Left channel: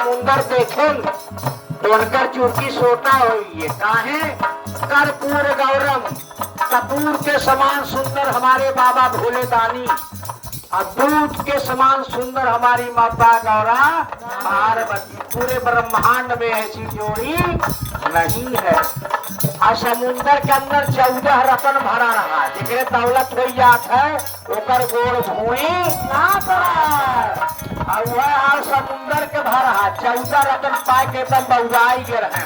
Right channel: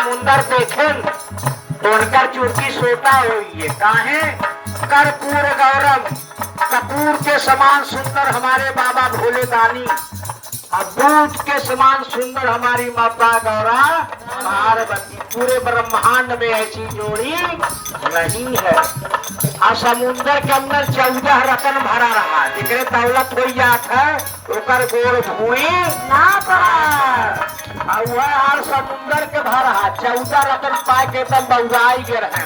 समुंदर देखें तो उनकर चूंकि सोता हुई है काहे कर्पूर गौरम कपूर के समान सुंदर हमारे बाबा भोले दानी और दूध के समान सुंदर हमारी माता गौरा पार्वती। पूरे ब्रह्मांड में ऐसी जोड़ी नहीं है। और समुंदर के अंदर 14 रतन भरा रहा जिक्र दौलत हो जात है उनकर गोड़ धुए ना पड़ा। और वह समुंदर के भरा 14 रतन पाए के एकदम बउआई गे रहे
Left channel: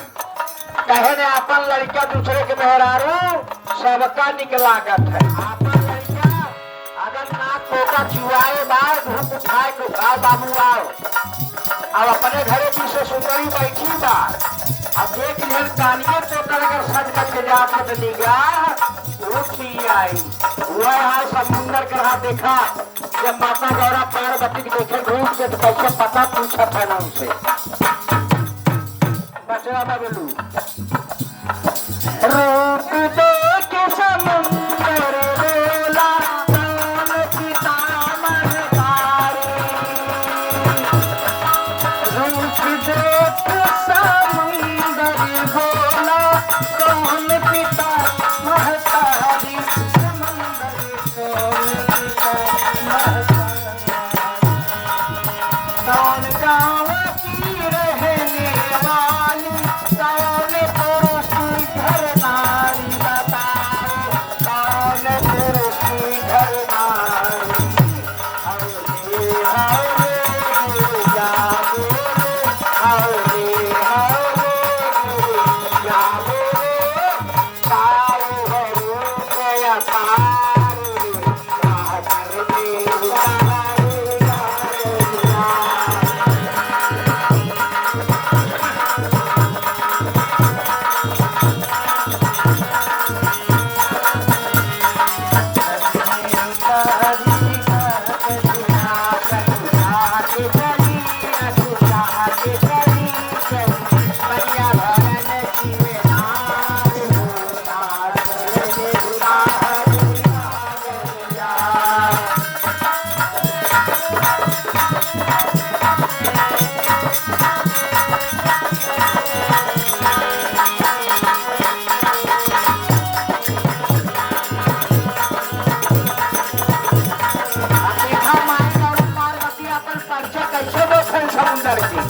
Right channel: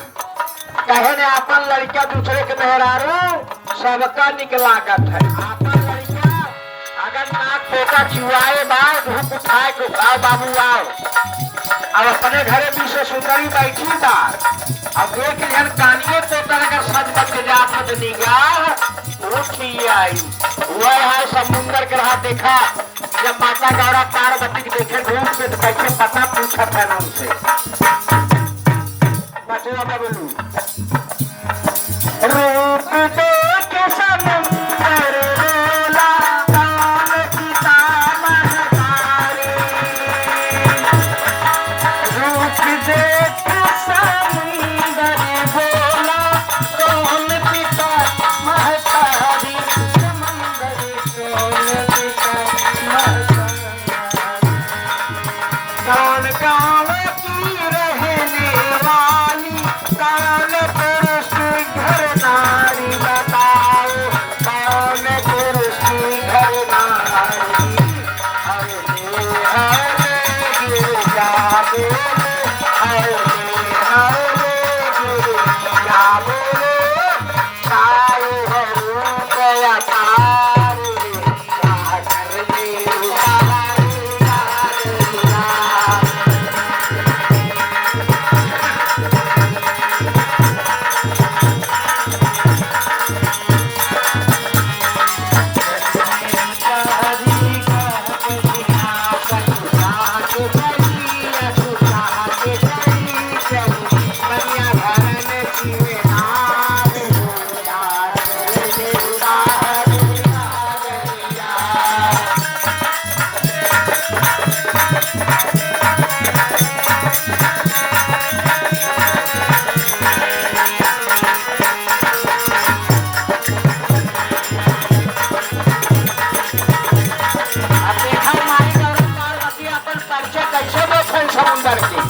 कहे ने अपन लड़का दूसरे के मेहरारू सबका निकलागत है। अपन लड़का अगर नाक पोता चुआए बाल धूप उठाए को आओ बाबू आओ अब अपने घरे पीछे सुंदरी बैठी बा अब देख लिहन कानिए तोतर के सज बच के जा मत निगाह उठी आई वह है समुंदर के रहा देखा जब माता गौरा पार्वती के देखे धूप से तो कैसे पता पूछा था ना उनसे बचवा बोलू रूप देख समुंदर बोला कौन पिता महतारी रूप देख समुंदर बोला कौन पिता महतारी समुंदर कौन पिता महतारी कौन गाँव की रहने वाली कौन पुरुष घर नारी बताओ कौन पुरुष घर नारी हरे हरे गिरजा बोले हरे हरे गिरजा बोले तारो हरो गया तारे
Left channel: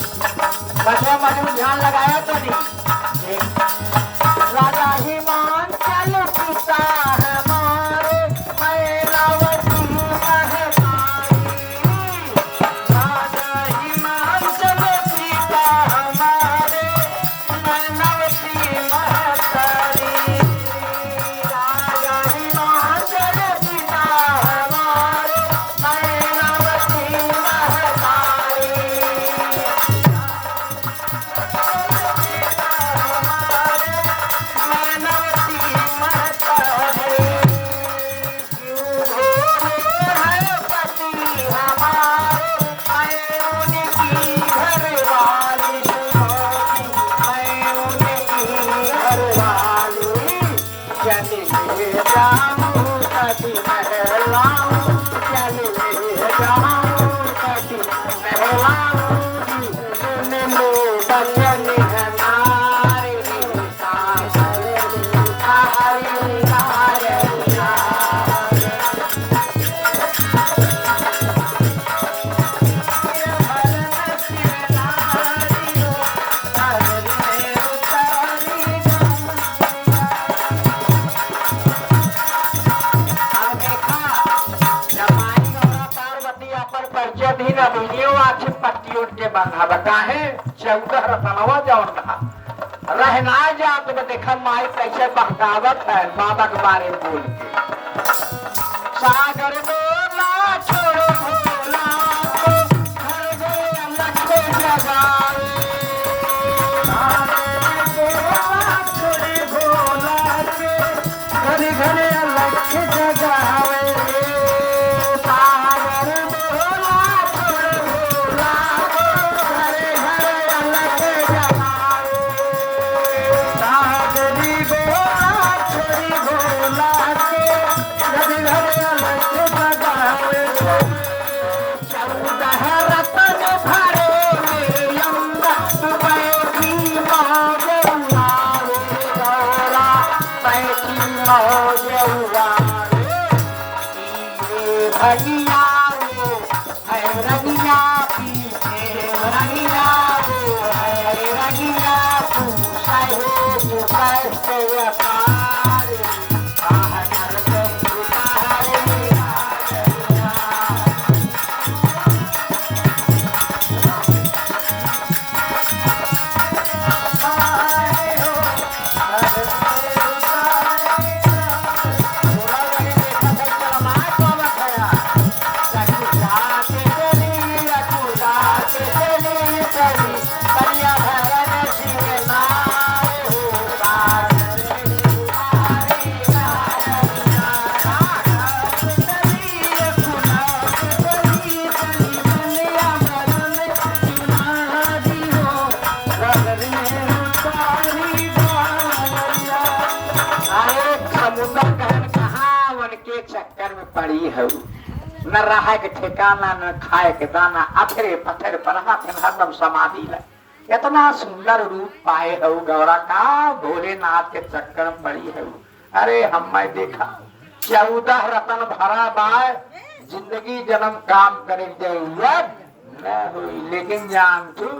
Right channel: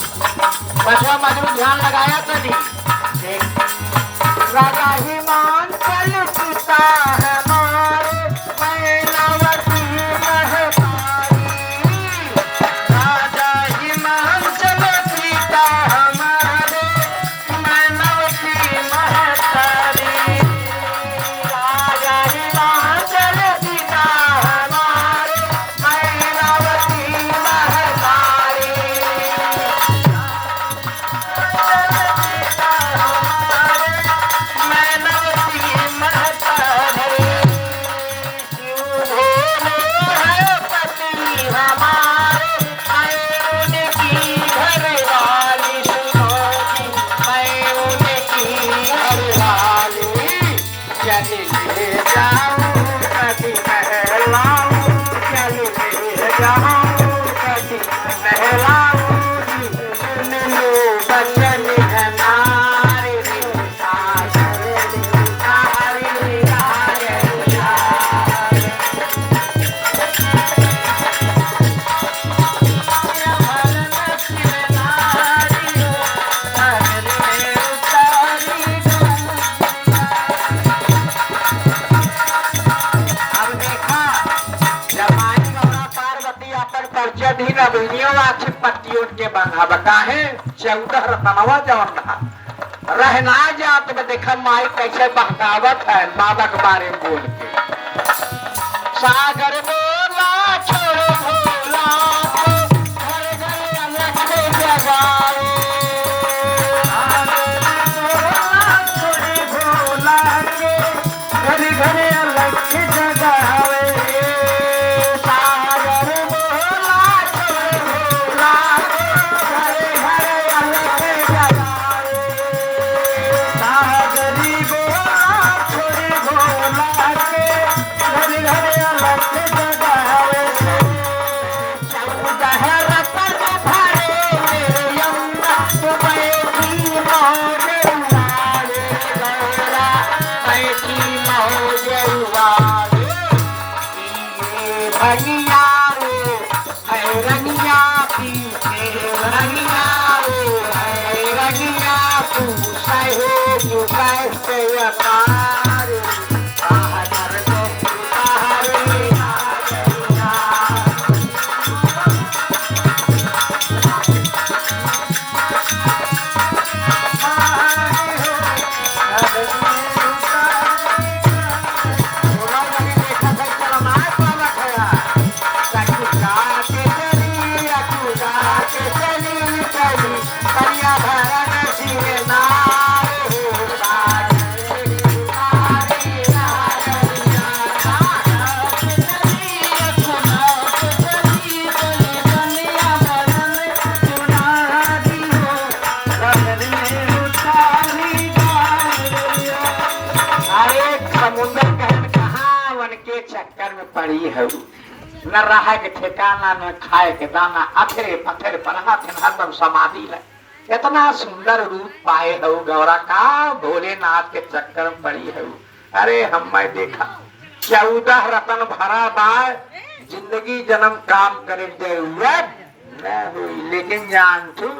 सागर में ध्यान लगाया तो नहीं राजा हिमांचल सीता है मारे मैलावती महतारी राजा हिमांचल सीता हमारे मैलावती महतारी राजा हिमांचल सीता हमारे मैलावती महतारी के बना बताहे 14 रतनवा जवन रहा रहना जात में देखा माई कैसे बहकावत है बाबा के बारे में बोल के सागर बोला छोड़ भोला घर घर अलख जगाए छोड़ भोला के घर घर अलख जगाए छोड़ी भोला के घर घर अलख जगाए भैया रे है रंगिया पीछे रंगिया रे है रंगिया तू सहे तू कैसे अकार बाहर तो बाहर पड़ी है न रहा के ठिकाना न खाए के दाना अथरे पत्थर पर हाथ हरदम समाधि है। इतना सुंदर रूप पाए हो गौरा का भोलेनाथ के चक्कर में पड़ी है। अरे हम मैं देखा 14 रतन भरा बाय जिंदगी जन्म काम करे दे हुई लेकिन जान तू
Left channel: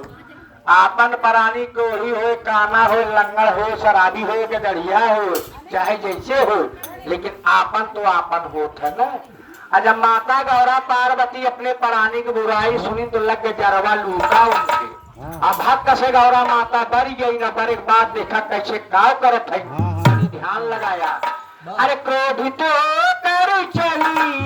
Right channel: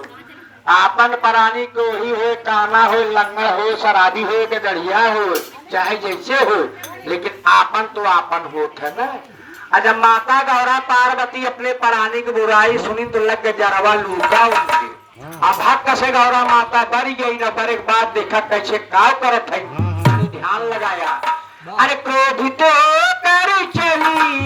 आपन प्राणी को ही हो काना हो लंगड़ हो शराबी हो गड़िया हो चाहे जैसे हो लेकिन आपन तो आपन होत है ना। जब माता गौरा पार्वती अपने प्राणी की बुराई सुनी तो लग के जरवा लूटा उनके। अब भक्त से गौरा माता डर गई न पर एक बात देखा कैसे काव करत है ध्यान लगाया। अरे क्रोधित कर चली